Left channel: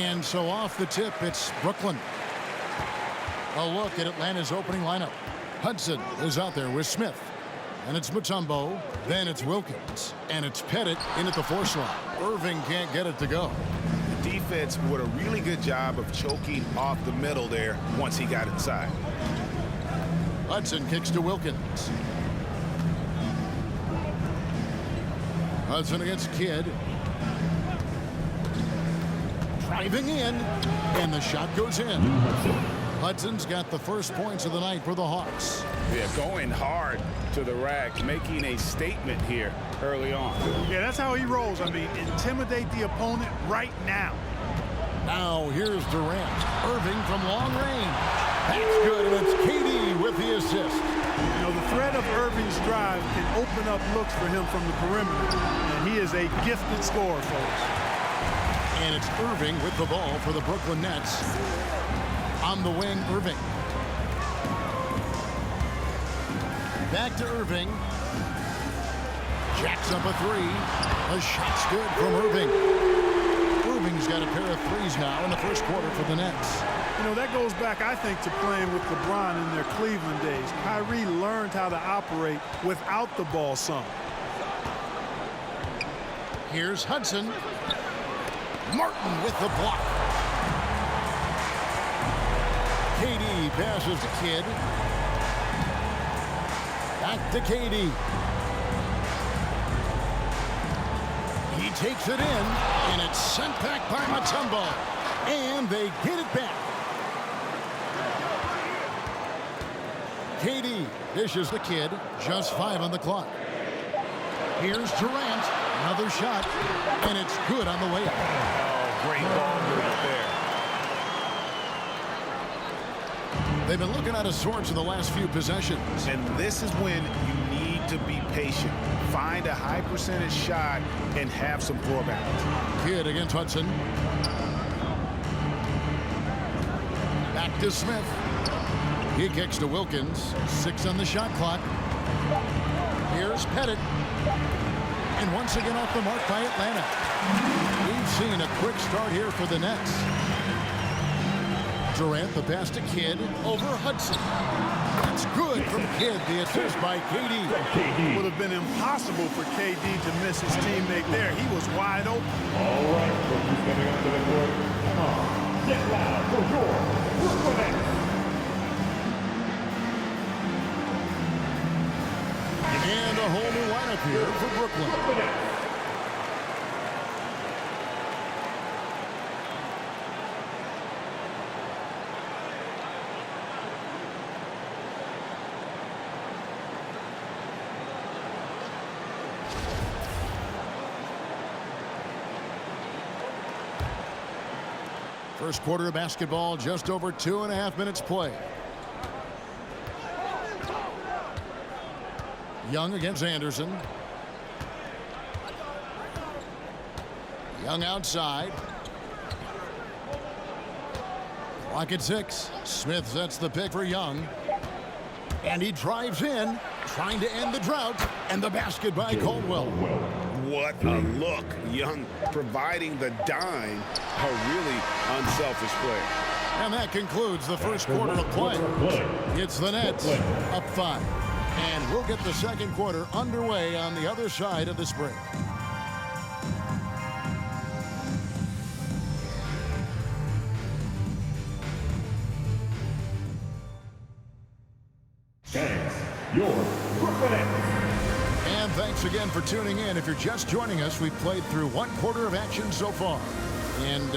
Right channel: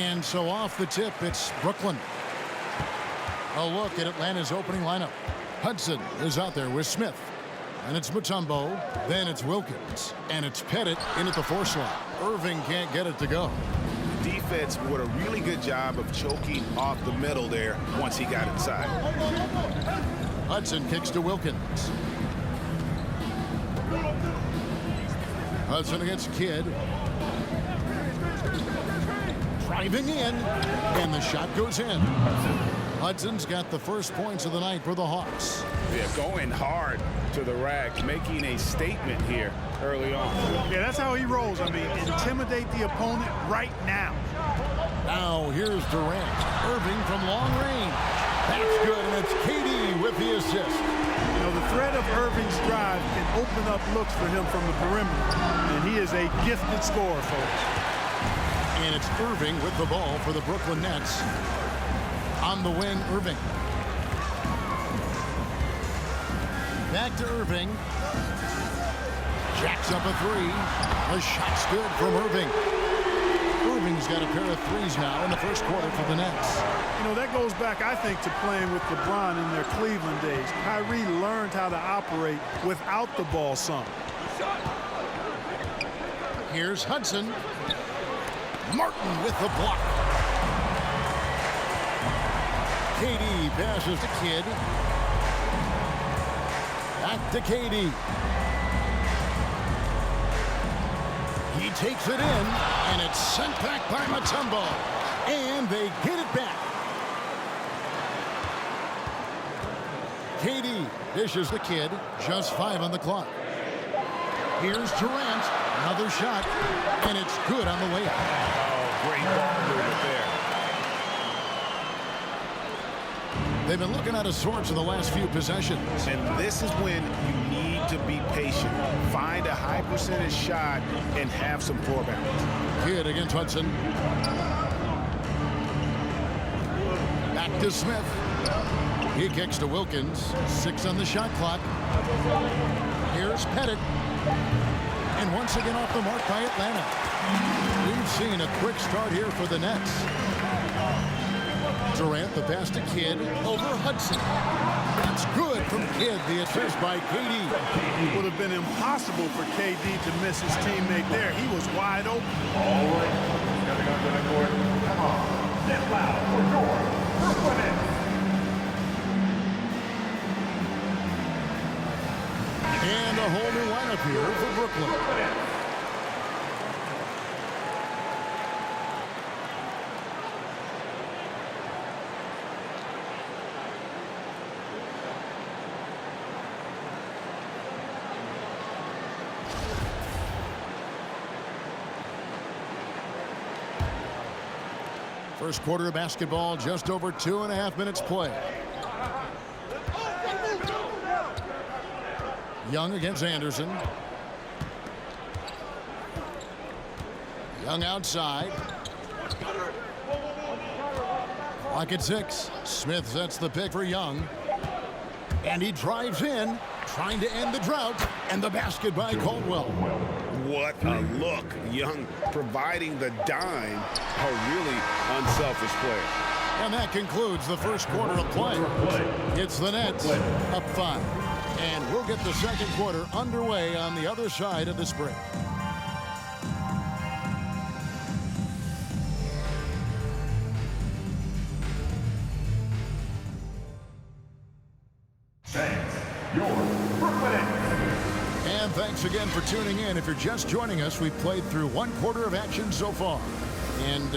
And so off the tip, it's Brooklyn. A look at Atlanta's opening lineup. Hudson is out there with Smith. And it's Mutombo. Then it's Wilkins. And it's Pettit in at the 4 slot. Irving can't get it to go. The defense did a really good job of choking off the middle there once he got inside. Hudson kicks to Wilkins. Hudson against Kidd. Driving in. And the shot goes in. Hudson's got the first points of the night for the Hawks. Yeah, going hard to the rack, making a statement here early on. Yeah, that's how he rolls. I mean, intimidate the opponent right now. Now here's Durant. Irving from long range. That's good, and it's KD with the assist. You know, the threat of Irving's drive can open up looks for him from the perimeter, and he is a gifted scorer, folks. And it's Irving with the ball for the Brooklyn Nets. On the wing, Irving. Back to Irving. Jacks up a 3. The shot's good from Irving. Irving's got a pair of 3s now in the first quarter for the Nets. You know, that goes back, I think, to playing with LeBron in their Cleveland days. Kyrie learned how to operate without the ball some. Here's Hudson. Martin with the block. KD passes to Kidd. Back to KD. He takes it in, and it's sent back by Mutombo. And they get it back. KD dishes the Kidd. Just 5 on the clock. Here's Durant. Another shot, and it's good on the way up. Oh, great ball movement there. They've been looking out of sorts in the last few possessions. And this is when you need to be patient. Find a high percentage shot and have some floor balance. Kidd against Hudson. Back to Smith. He kicks to Wilkins. 6 on the shot clock. Here's Pettit. And once again off the mark by Atlanta. We've seen a quick start here for the Nets. Durant, the pass to Kidd over Hudson. That's good from Kidd. The assist by KD. Would have been impossible for KD to miss his teammate there. He was wide open. All right, who's coming up to the court? Come on, get loud for your Brooklyn Nets. And a whole new lineup here for Brooklyn. First quarter of basketball, just over 2.5 minutes play. Young against Anderson. Young outside. Clock at 6. Smith sets the pick for Young. And he drives in, trying to end the drought. And the basket by Caldwell. What a look. Young providing the dime. A really unselfish player. And that concludes the first quarter of play. It's the Nets up 5. And we'll get the second quarter underway on the other side of this break. Thanks, your Brooklyn Nets. And thanks again for tuning in. If you're just joining us, we've played through 1 quarter of action so far. And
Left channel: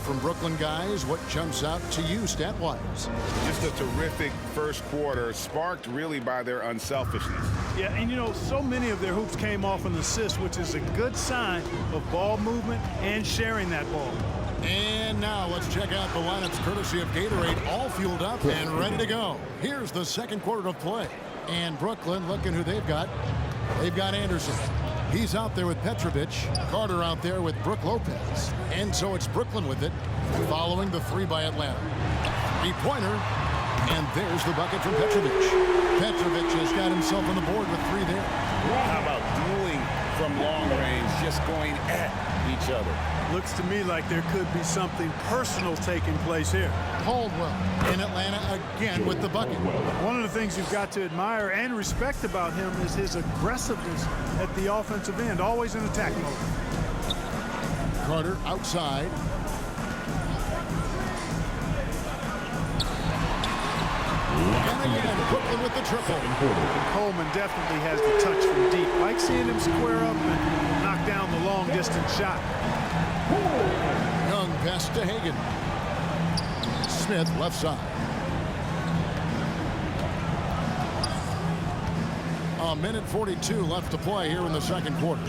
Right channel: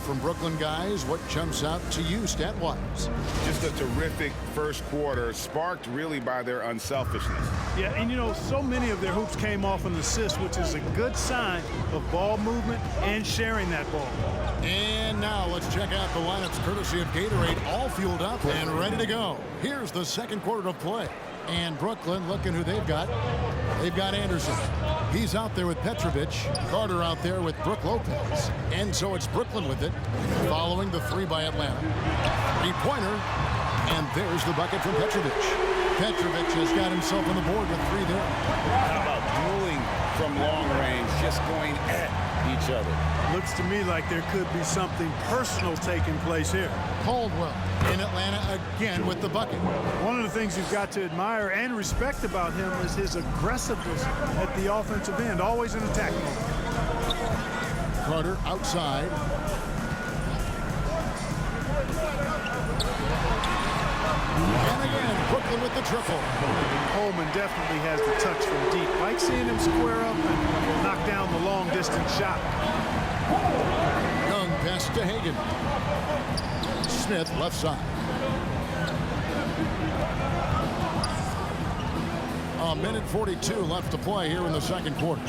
from Brooklyn guys, what jumps out to you stat-wise? Just a terrific first quarter, sparked really by their unselfishness. Yeah, and you know, so many of their hoops came off an assist, which is a good sign of ball movement and sharing that ball. And now let's check out the lineups courtesy of Gatorade, all fueled up and ready to go. Here's the second quarter of play. And Brooklyn, looking who they've got. They've got Anderson. He's out there with Petrovic. Carter out there with Brook Lopez. And so it's Brooklyn with it, following the 3 by Atlanta. 3-pointer. And there's the bucket from Petrovic. Petrovic has got himself on the board with 3 there. How about dueling from long range, just going at each other. Looks to me like there could be something personal taking place here. Caldwell in Atlanta again with the bucket. One of the things you've got to admire and respect about him is his aggressiveness at the offensive end, always in attack mode. Carter outside. And again, Brooklyn with the triple. Coleman definitely has the touch from deep. Like seeing him square up and knock down the long-distance shot. Young pass to Hagan. Smith left side. A minute 42 left to play here in the second quarter.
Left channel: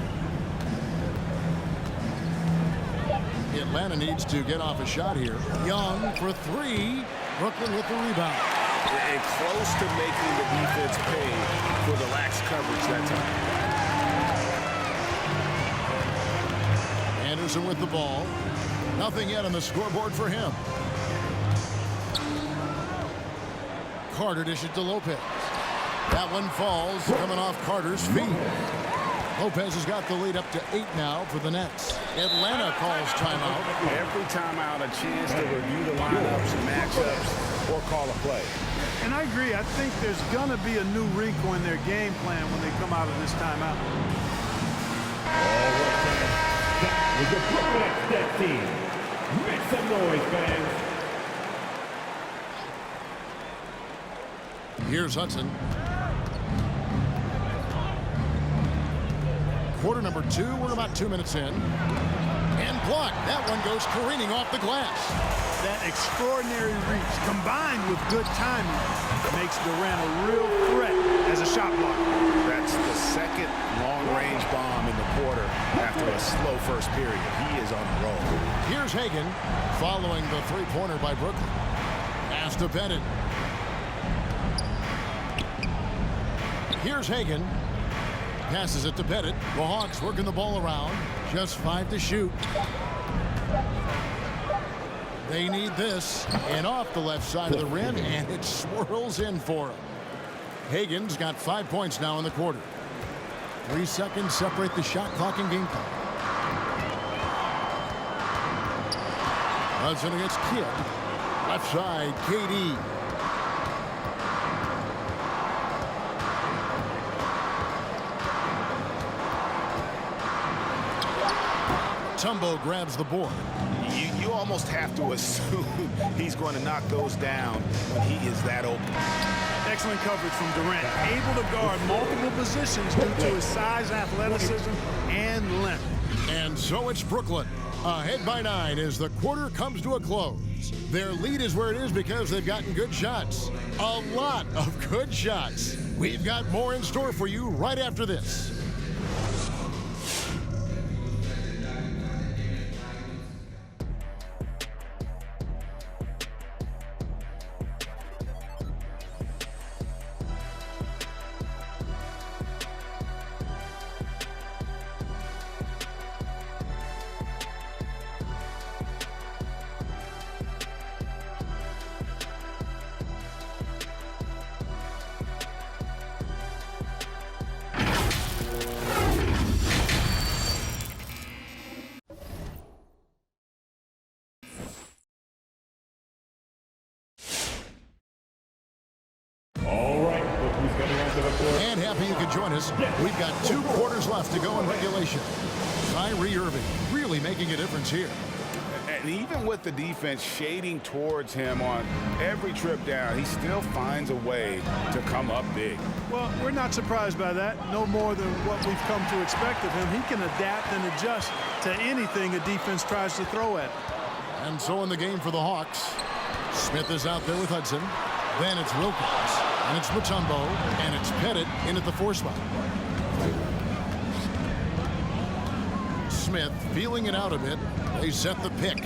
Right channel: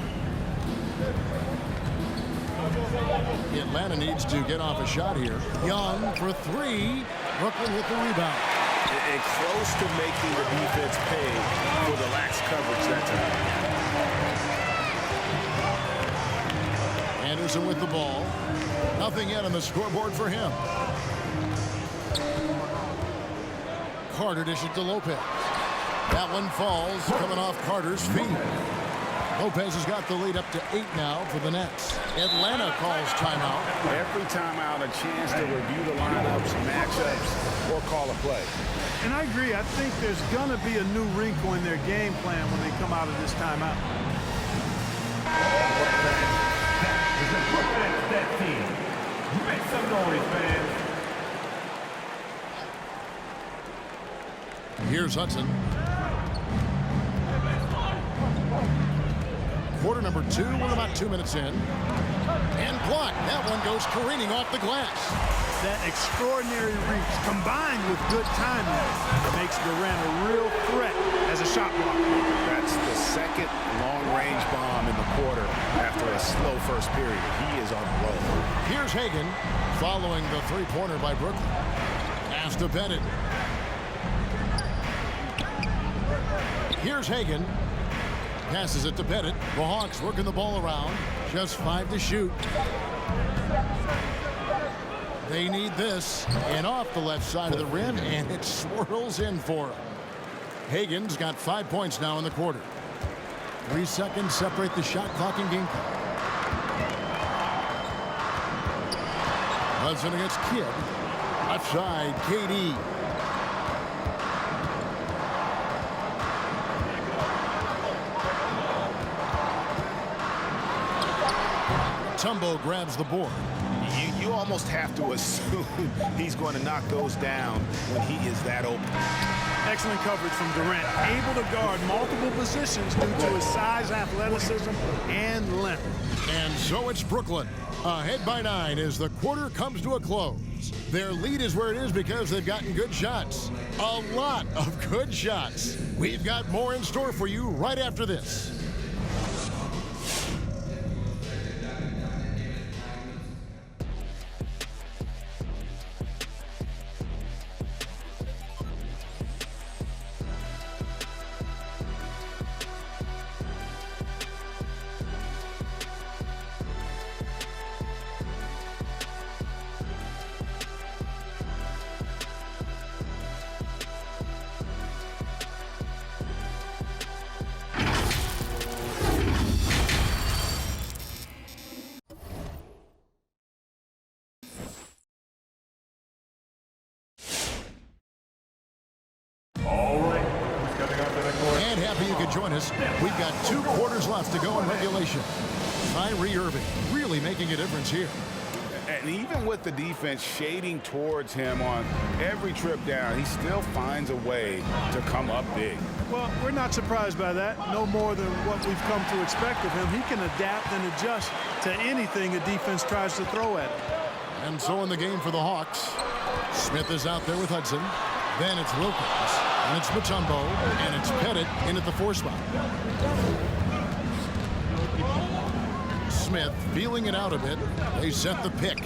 Atlanta needs to get off a shot here. Young for three. Brooklyn with the rebound. And close to making the defense pay for the lax coverage that time. Anderson with the ball. Nothing yet on the scoreboard for him. Carter dishes to Lopez. That one falls, coming off Carter's feet. Lopez has got the lead up to 8 now for the Nets. Atlanta calls timeout. Every timeout, a chance to review the lineups, matchups, or call a play. And I agree. I think there's going to be a new wrinkle in their game plan when they come out of this timeout. That is the Brooklyn Nets team. Make some noise, fans. Here's Hudson. Quarter number 2. We're about 2 minutes in. And blocked. That one goes careening off the glass. That extraordinary reach combined with good timing makes Durant a real threat as a shot blocker. That's the second long-range bomb in the quarter after a slow first period. He is on a roll. Here's Hagan following the three-pointer by Brooklyn. Pass to Pettit. Here's Hagan. Passes it to Pettit. The Hawks working the ball around. Just 5 to shoot. They need this. And off the left side of the rim, and it swirls in for him. Hagan's got 5 points now in the quarter. 3 seconds separate the shot clock and game clock. Hudson against Kidd. Left side, KD. Tumbo grabs the board. You almost have to assume he's going to knock those down when he is that open. Excellent coverage from Durant. Able to guard multiple positions due to his size, athleticism, and length. And so it's Brooklyn. Ahead by 9 as the quarter comes to a close. Their lead is where it is because they've gotten good shots. A lot of good shots. We've got more in store for you right after this. And happy you could join us. We've got 2 quarters left to go in regulation. Kyrie Irving really making a difference here. And even with the defense shading towards him on every trip down, he still finds a way to come up big. Well, we're not surprised by that. No more than what we've come to expect of him. He can adapt and adjust to anything a defense tries to throw at him. And so in the game for the Hawks, Smith is out there with Hudson. Then it's Wilkins, and it's Mutombo, and it's Pettit in at the 4 spot. Smith feeling it out a bit. They set the pick.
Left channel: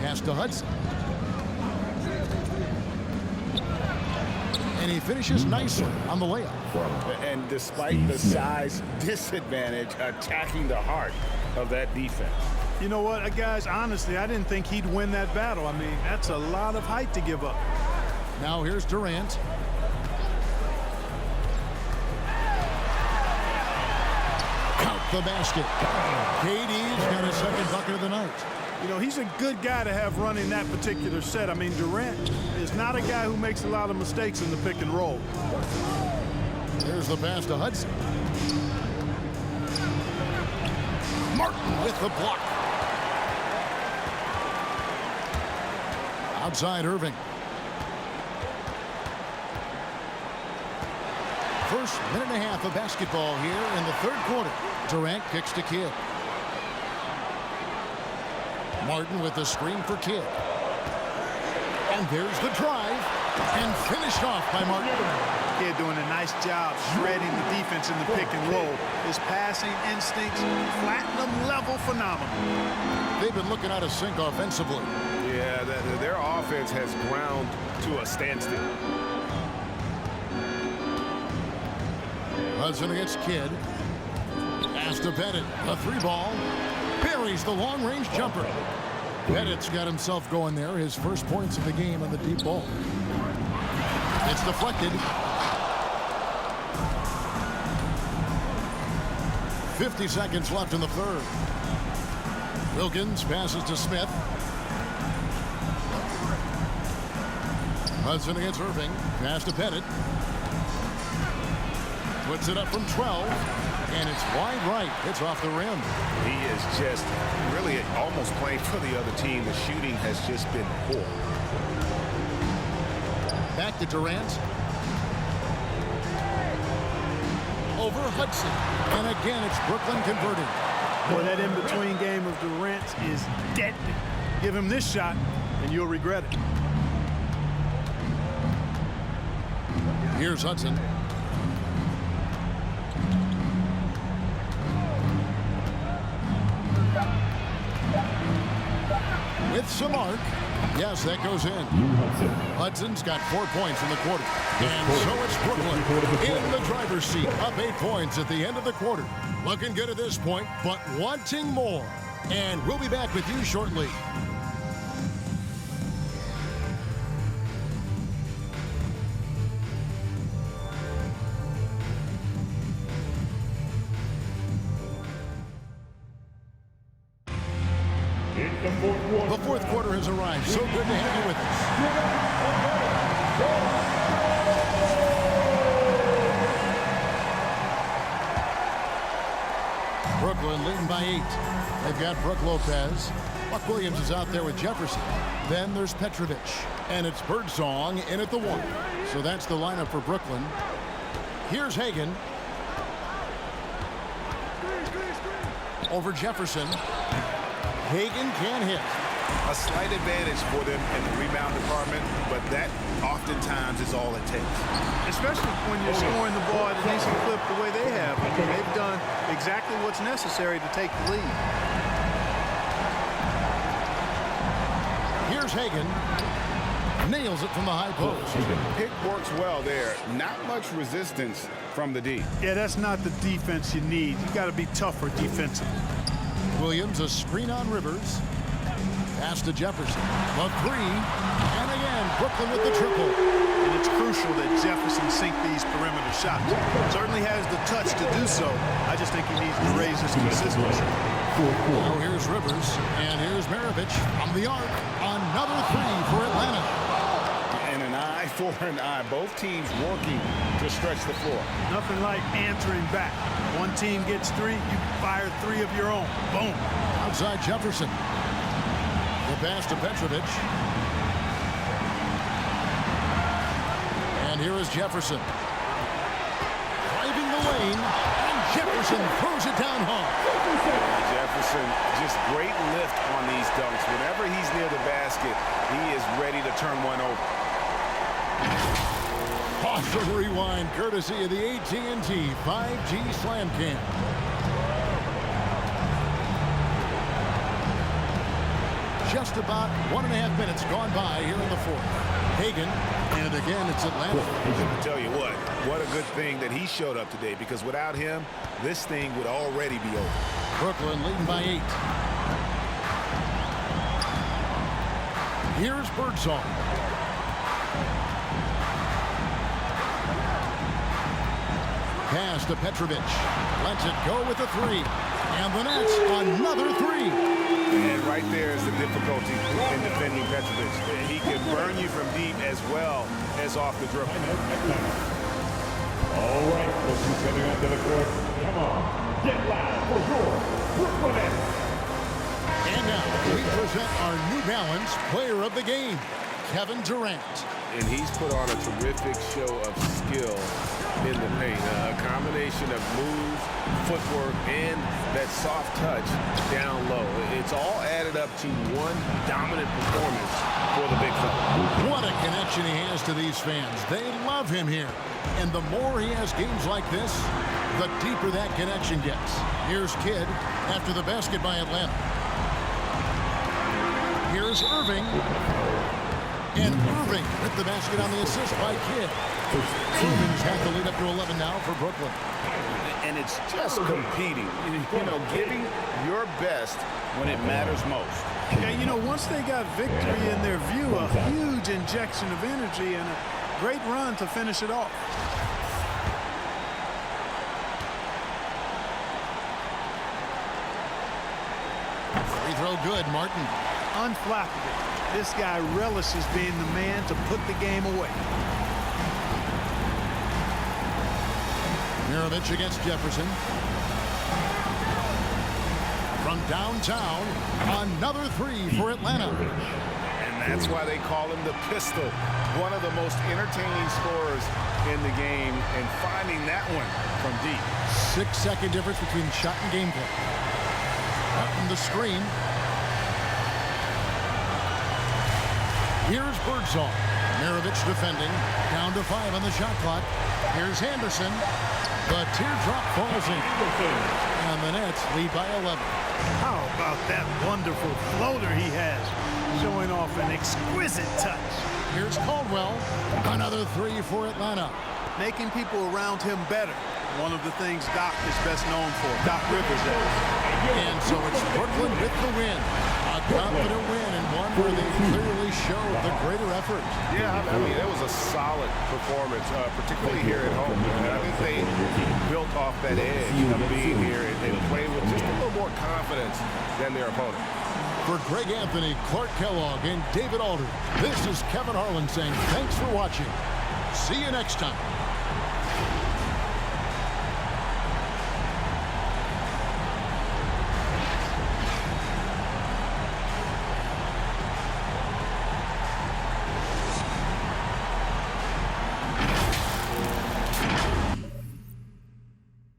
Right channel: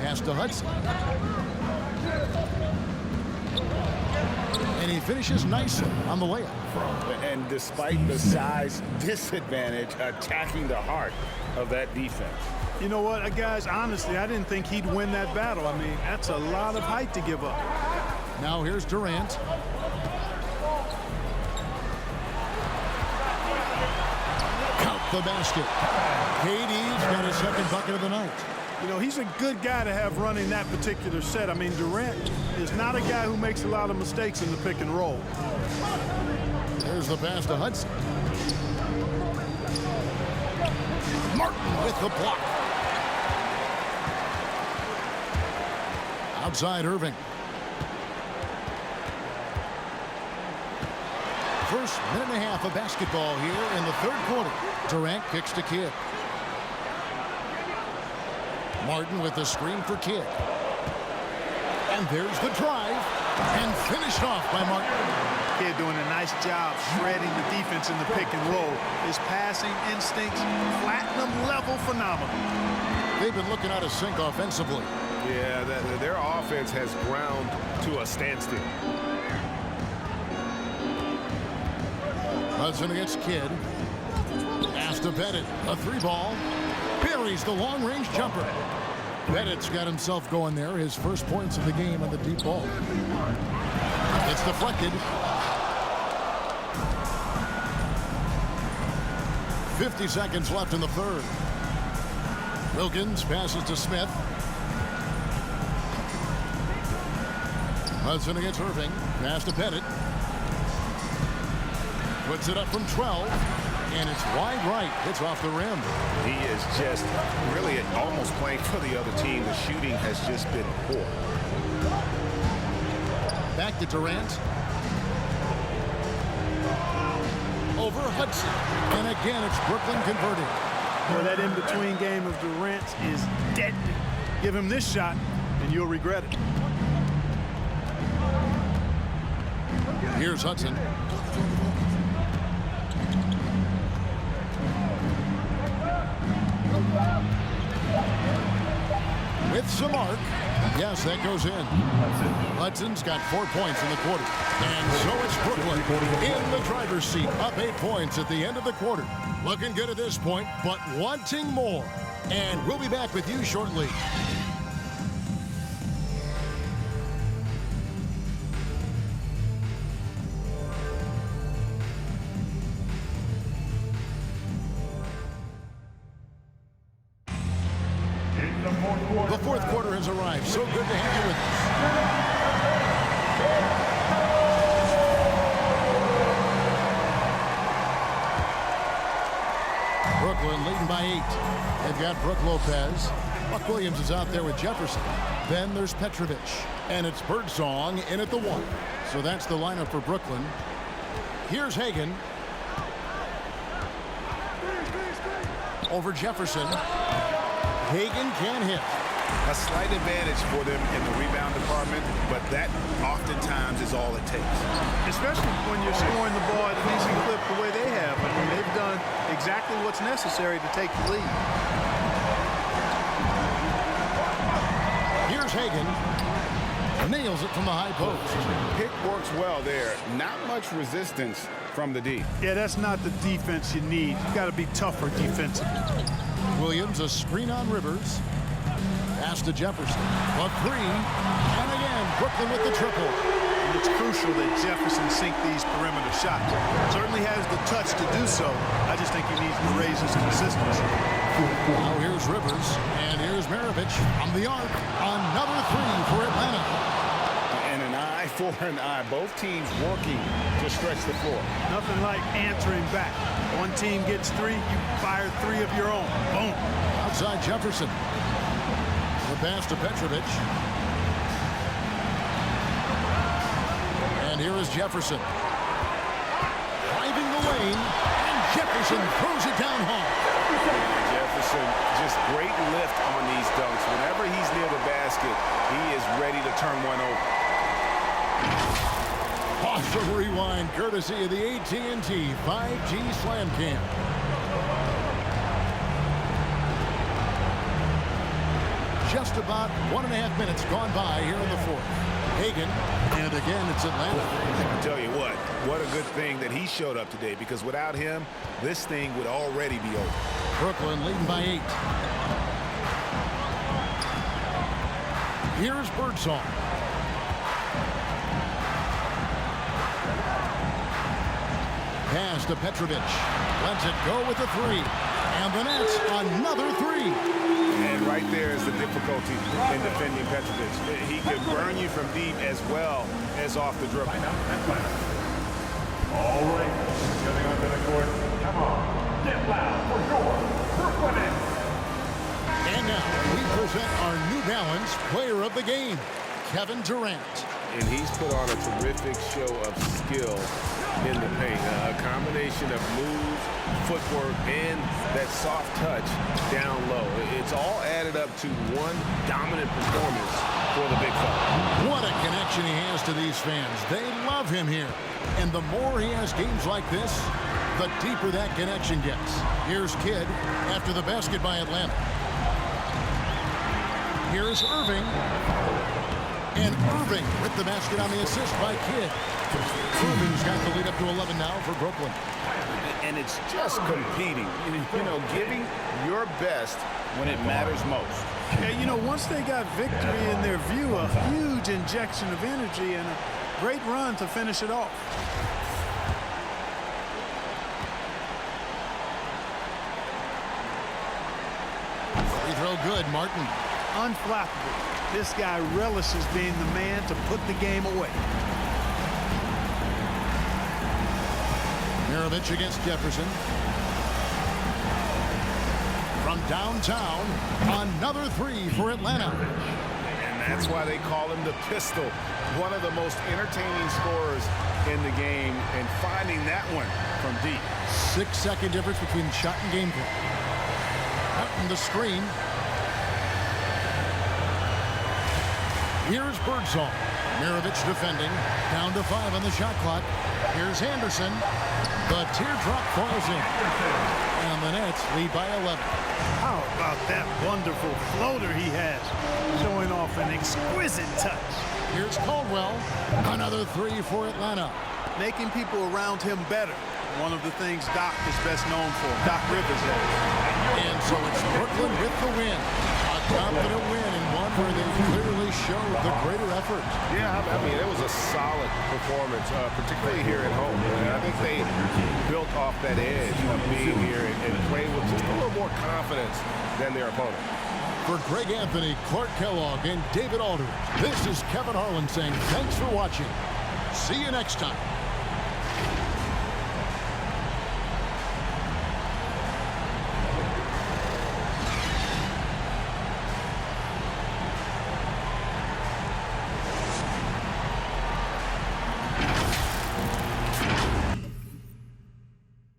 Pass to Hudson. And he finishes nicely on the layup. And despite the size disadvantage, attacking the heart of that defense. You know what, guys, honestly, I didn't think he'd win that battle. I mean, that's a lot of height to give up. Now here's Durant. the basket. KD's got his second bucket of the night. You know, he's a good guy to have running that particular set. I mean, Durant is not a guy who makes a lot of mistakes in the pick and roll. There's the pass to Hudson. Martin with the block. Outside Irving. First minute and a half of basketball here in the third quarter. Durant kicks to Kidd. Martin with the screen for Kidd. And there's the drive. And finished off by Martin. Kidd doing a nice job shredding the defense in the pick and roll. His passing instincts, platinum level phenomenal. They've been looking out of sync offensively. Yeah, their offense has ground to a standstill. Hudson against Kidd. Pass to Pettit. A three ball. Buries the long-range jumper. Pettit's got himself going there. His first points of the game on the deep ball. It's deflected. 50 seconds left in the third. Wilkins passes to Smith. Hudson against Irving. Pass to Pettit. Puts it up from 12. And it's wide right. It's off the rim. He is just really almost playing for the other team. The shooting has just been poor. Back to Durant. Over Hudson. And again, it's Brooklyn converting. Boy, that in-between game of Durant's is deadly. Give him this shot, and you'll regret it. Here's Hudson. With some arc. Yes, that goes in. Hudson's got 4 points in the quarter. And so it's Brooklyn in the driver's seat. Up 8 points at the end of the quarter. Looking good at this point, but wanting more. And we'll be back with you shortly. The fourth quarter has arrived. So good to have you with us. Brooklyn leading by 8. They've got Brook Lopez. Buck Williams is out there with Jefferson. Then there's Petrovic. And it's Birdsong in at the 1. So that's the lineup for Brooklyn. Here's Hagan. Over Jefferson. Hagan can hit. A slight advantage for them in the rebound department, but that oftentimes is all it takes. Especially when you're scoring the ball at a decent clip the way they have. I mean, they've done exactly what's necessary to take the lead. Here's Hagan. Nails it from the high post. Pick works well there. Not much resistance from the D. Yeah, that's not the defense you need. You got to be tougher defensively. Williams, a screen on Rivers. Pass to Jefferson. A 3. And again, Brooklyn with the triple. And it's crucial that Jefferson sink these perimeter shots. Certainly has the touch to do so. I just think he needs to raise his consistency. Now here's Rivers. And here's Maravich from the arc. Another 3 for Atlanta. And an eye for an eye. Both teams working to stretch the floor. Nothing like answering back. One team gets 3, you fire 3 of your own. Boom. Outside Jefferson. The pass to Petrovic. And here is Jefferson. Driving the lane. And Jefferson throws it down hard. And Jefferson, just great lift on these dunks. Whenever he's near the basket, he is ready to turn one over. Pause the rewind, courtesy of the AT&T 5G Slam Cam. Just about 1.5 minutes gone by here in the fourth. Hagan, and again, it's Atlanta. I tell you what a good thing that he showed up today, because without him, this thing would already be over. Brooklyn leading by 8. Here's Birdsong. pass to Petrovic. Lets it go with the three. And the Nets, another three. And right there is the difficulty in defending Petrovic. He can burn you from deep as well as off the dribble. All right, who's coming onto the court? Come on, get loud for your Brooklyn Nets. And now we present our New Balance Player of the Game, Kevin Durant. And he's put on a terrific show of skill in the paint. A combination of moves, footwork, and that soft touch down low. It's all added up to one dominant performance for the big fella. What a connection he has to these fans. They love him here. And the more he has games like this, the deeper that connection gets. Here's Kidd after the basket by Atlanta. Here's Irving. And Irving with the basket on the assist by Kidd. Irving's got the lead up to 11 now for Brooklyn. And it's just competing, you know, giving your best when it matters most. Yeah, you know, once they got victory in their view, a huge injection of energy and a great run to finish it off. Free throw good, Martin. Unflappable. This guy relishes being the man to put the game away. Mirovic against Jefferson. From downtown, another three for Atlanta. And that's why they call him the pistol. One of the most entertaining scorers in the game, and finding that one from deep. 6-second difference between shot and gameplay. Martin the screen. Here's Birdsall. Mirovic defending. Down to 5 on the shot clock. Here's Henderson. The teardrop falls in. And the Nets lead by 11. How about that wonderful floater he has, showing off an exquisite touch. Here's Caldwell. Another three for Atlanta. Making people around him better. One of the things Doc is best known for. Doc Rivers, that is. And so it's Brooklyn with the win. A confident win, and one where they clearly showed the greater effort. Yeah, I mean, it was a solid performance, particularly here at home. And I think they built off that edge of being here and played with just a little more confidence than their opponent. For Greg Anthony, Clark Kellogg, and David Aldridge, this is Kevin Harlan saying thanks for watching. See you next time.